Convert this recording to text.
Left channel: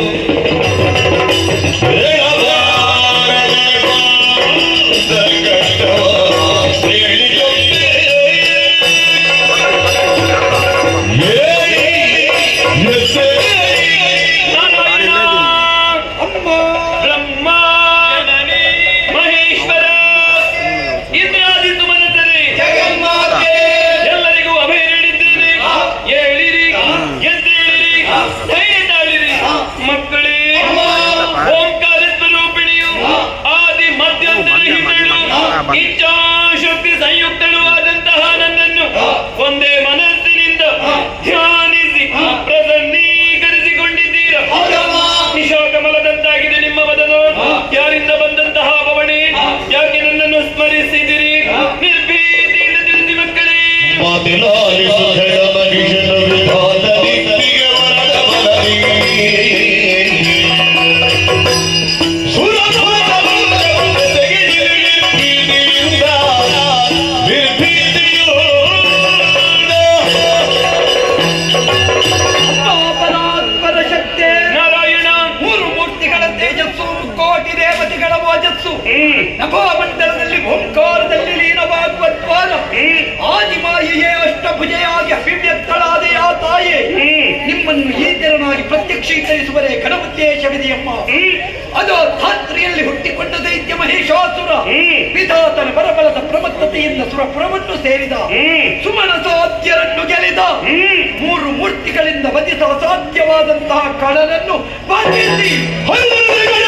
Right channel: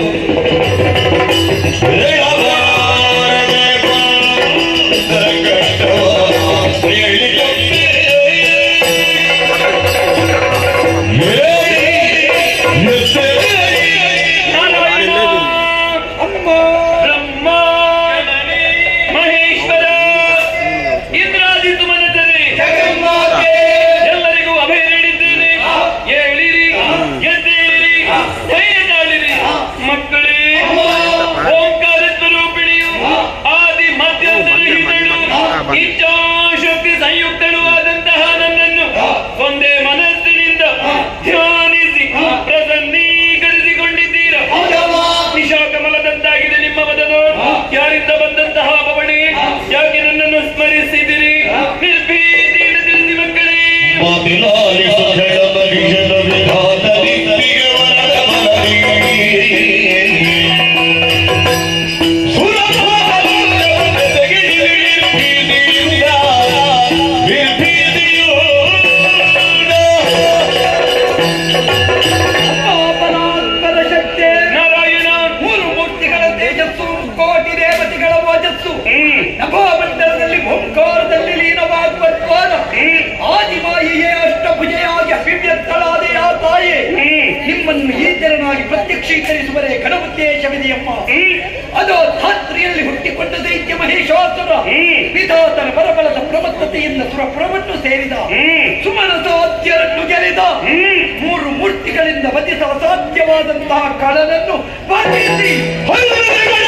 Yeah. ಇಚ್ಛಾಶಕ್ತಿ ಸಂಯುಕ್ತಳು ಆದಂತಹ ನನ್ನನ್ನು ಒಂದೇ ಮನಸ್ಸಿನಿಂದ ಧ್ಯಾನಿಸಿ ಪ್ರಸನ್ನೀಕರಿಸಿಕೊಂಡಿದ್ದೀರ? ನಿಶಾಕಮಲದಂತಾಗಿದೆ ನಿಮ್ಮ ಬದಲು ಯಾರಿಂದ ಬಂದಂತಹ ಭವಣಿ ಯಾಕೆ ನನ್ನನ್ನು ಸ್ಮರಿಸಿದಿರಿ? ನಿರ್ಭೀತಿಯಿಂದ ತಿಳಿಸಿ ಮಕ್ಕಳೇ. ಅಭಿವ್ಯಕ್ತಳಾದ ಆ ತಾಯಿ ನಿಮ್ಮನ್ನು ಈ ಪ್ರತ್ಯಕ್ಷೀಕರಿಸುವರೆ ಪ್ರತ್ಯಕ್ಷೀಕರಿಸುವರೇ ಗಣಪತ್ಯೇಶವಿದೆಯಪ್ಪ ಅದು ಧಾತ್ರಿಯಲ್ಲಿ ಹುಟ್ಟಿಕೊಂಡ ದೈತ್ಯ ಮಹೇಶಾಸುರ. ವಿಧಾತನ ಬರಬಲದ ಸುರ ಸುರಪುರವನ್ನು ಸೇರಿದ. ಸುಮನಸಾಧ್ಯರನ್ನು ಗೆಲಿದ ಮೂರು ಮೂರ್ತಿಗಳಿಂದ ವಧಿಸ ಅಸಾಧ್ಯವಾದಂತಹ ಹೊರಗಡೆ